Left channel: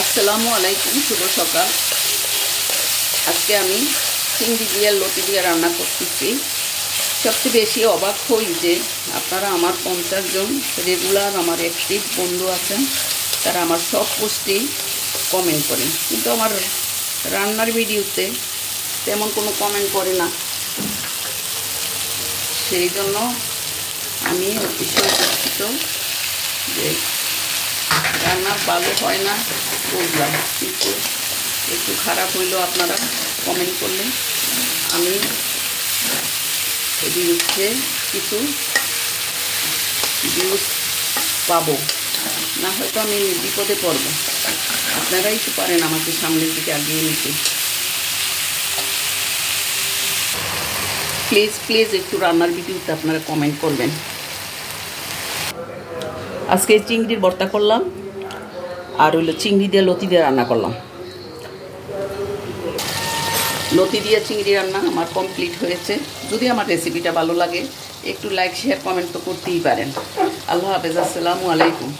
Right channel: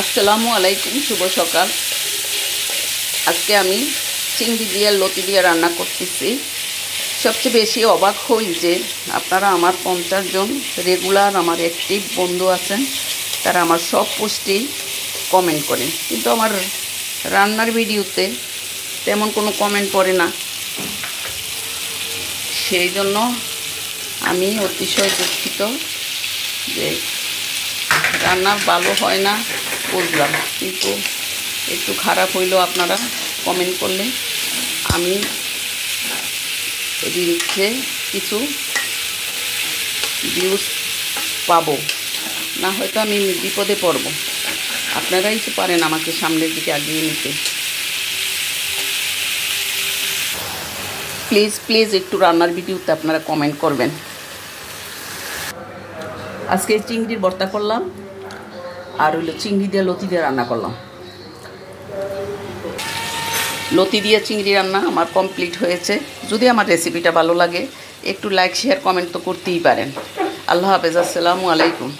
আসসালামু আলাইকুম, শুভ সকাল। আজকে আমি চিংড়ি দিয়ে লতি দিয়ে রান্না করতেছি। সবচেয়ে বেশি অবাক হই যে আপনারা আমার 50 জন রেগুলার আমার অ্যাক্টিভ বন্ধু আছেন, তারা আমার সব পোস্টেই কমেন্ট করেন, কিন্তু আমার রান্নার ভিডিওতে তেমন কোনো কমেন্ট করে না। সেই জন্য আমি অতিশয় দুঃখিত যে রান্না ভালো হয় না বুঝলাম, কিন্তু একটু খারাপ হইলেও আপনারা কমেন্ট করলে আমি রিলসে কিছু ভিউজ পাবো, না হয়তো আমি বিপদে পড়ব। আপনারাই তো পারেন আমাকে সামনের দিকে এগিয়ে নিতে। প্লিজ প্লিজ একটু রান্নার ভিডিওতে আপনারা কমেন্ট করবেন। আজকে চিংড়ির ভর্তা করলাম, আর হইলো চিংড়ি দিয়ে লতি দিয়ে রান্না করলাম। লতি দিয়ে চিংড়ি রান্না আমার কমপ্লিট হয়েছে। যদি আমার রেসিপিটা ভালো লাগে একটু লাইক শেয়ার কমেন্ট তো করতেই পারেন। আল্লাহ হাফেজ, আসসালামু আলাইকুম।